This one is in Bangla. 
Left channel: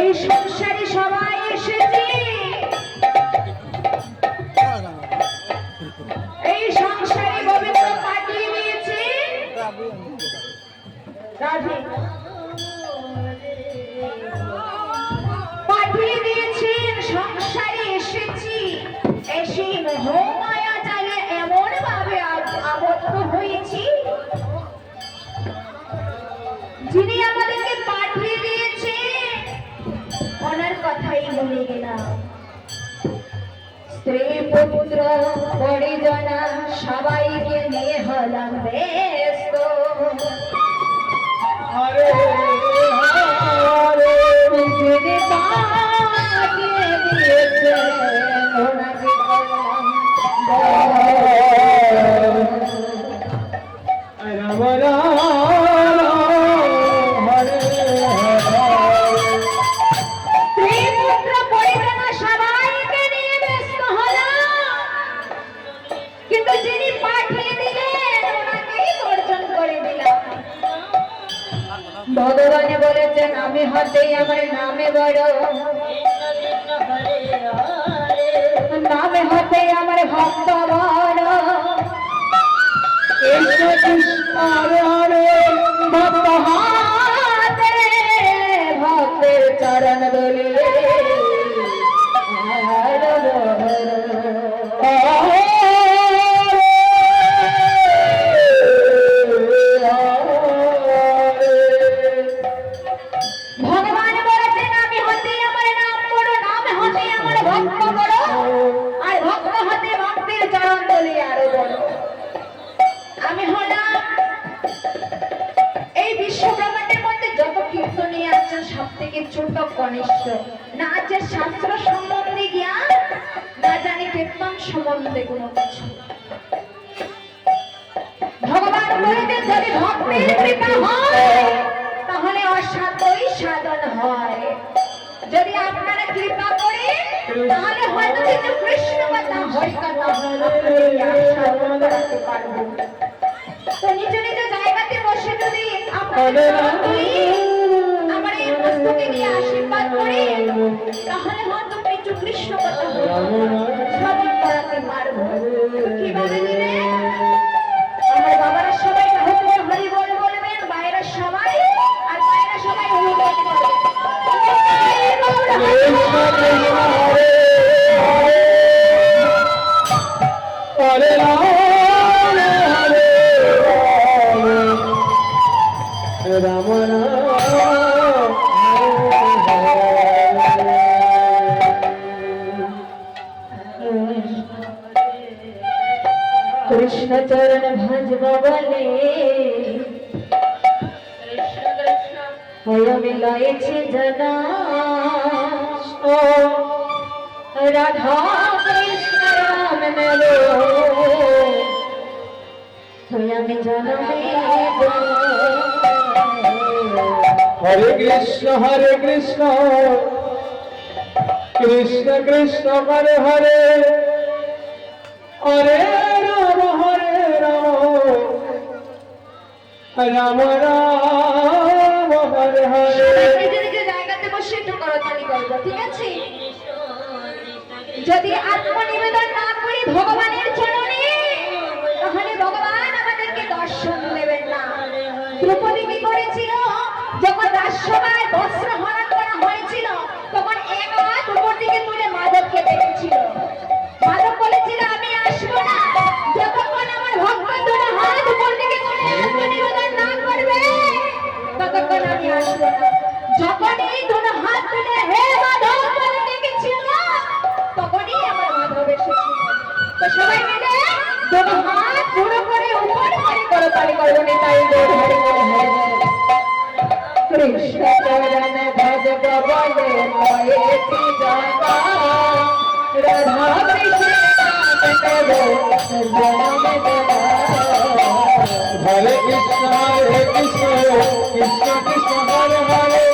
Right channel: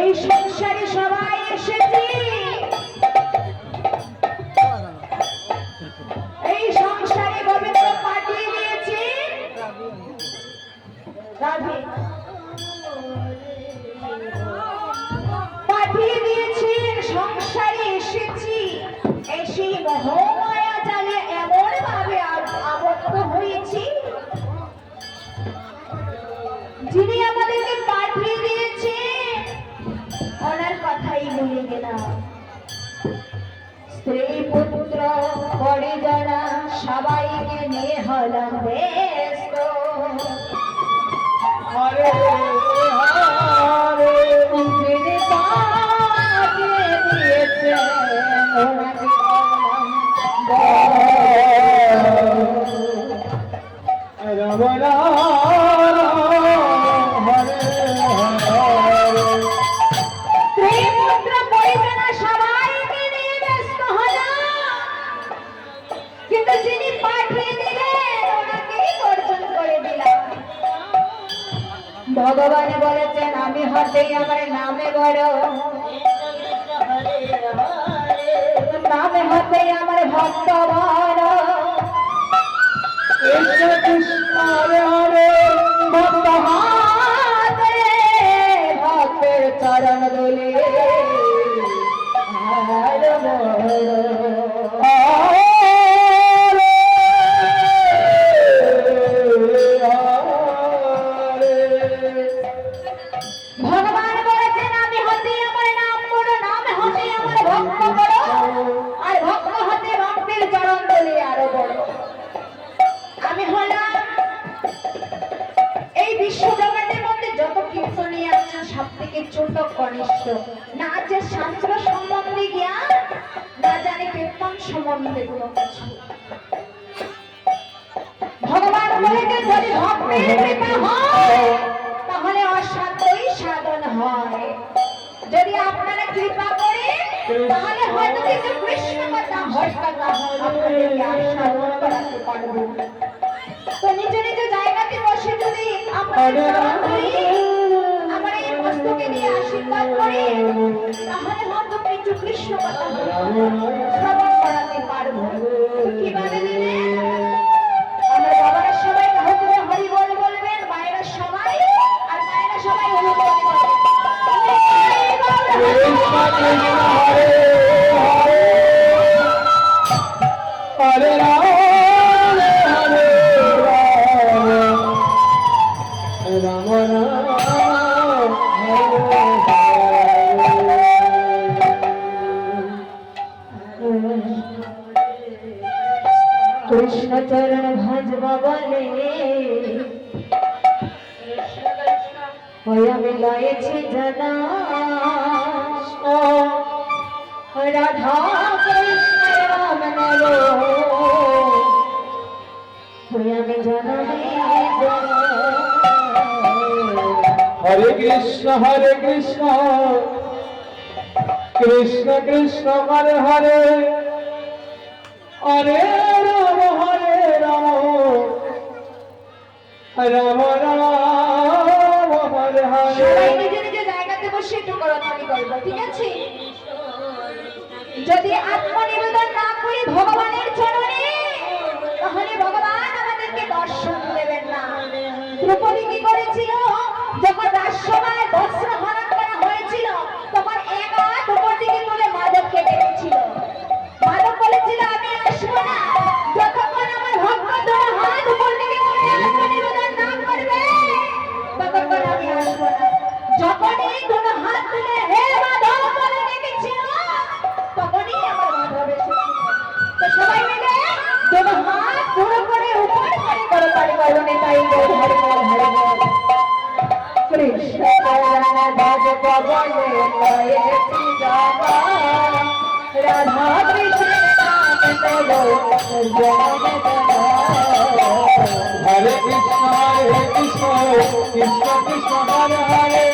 এই সংসারে সবাই এসেছি, এই সংসারে গোবিন্দ পাঠিয়ে দিয়েছে পাঠিয়ে দিয়েছেন। সংসারে এসেছি, এসে মোহমায়া জালে এমন ভাবে আবদ্ধ হয়েছি, যিনি আমাদেরকে পাঠিয়ে দিয়েছে ওনার কথাই বলে গেলাম। স্ত্রী পুত্র পরিজনা সবাইকে নিয়ে হলাম ব্যস্ত। যিনি পাঠিয়ে দিয়েছে ওনাকে ভগবান বলেছেন আমি হতে আমার নামে বড়, নামে হতে আমার ভক্ত বড়। ভক্ত হাতে ভক্তের চরণ বলে ছোট কনিষ্ঠ, না আছে শাস্ত্র সম্বন্ধে জ্ঞান, না জানি কীর্তন সম্বন্ধে কোনো কিছু। ভগবান বলতে যদি ভক্তের কৃপা হয় তাহলে অসাধ্যই সাধন হয়। যদি আপনারা কৃপা করে তাহলে হয়তো কিছু কৃষ্ণ কথা হয় কথা সাধন করতে পারবেন। তো নিজ নিজ জায়গাতে বসে যদি আপনাদের আশীর্বাদ করে তাহলে হয়তো কিছু কৃষ্ণ কথা শ্রবণ করাতে পারবো। কিভাবে দিলে আমার বাবারা সবাই হচ্ছে হরি বল বলবেন, বাইরের সবাই আর বাইরের সবাই হরি বল বলবেন। কৃষ্ণ চরণ ভজব বলে আমি লয়েছি জনা রাধা কৃষ্ণ রাম নেব আমি জনমে। হরে কৃষ্ণ কৃষ্ণ কৃষ্ণ হরে হরে হরে রাম রাম রাম হরে হরে। নিজের নিজের জায়গাতে বসে একটু করতালি করবো, ঠিক আছে? যদি আত্মনিবেদন না করি ভগবানের চরণে তাহলে ভগবান আমাদেরকে দর্শন দেবেন না। দ্রৌপদী কি করেছিল? যখন রাজসভায় বস্ত্র হরণ করা হয়েছিল তখন এক হাত উপর দিকে তুলে মাধবকে ডেকেছিল। মাধব বলেছিল আমি আসবো না যতক্ষণ আমার ভক্ত দুটো হাত উপর দিকে তুলে আত্মনিবেদন না করবে ততক্ষণ আমি আসবো না। যখন এই দুটো হাত তুলে হে মাধব বলে ডেকেছিল, তখনই আমার মাধব এসেছিল। তো সবাই মিলে দুটো হাত পুরো করে উপর করে করতালি করো নেতাই বল হরি বল হরি বল। কৃষ্ণ চরণ ভজ পবনে লয়েছি জানা, রাধা কৃষ্ণ নাম দেব জনম দেবা। হরে কৃষ্ণ কৃষ্ণ কৃষ্ণ কৃষ্ণ হরে হরে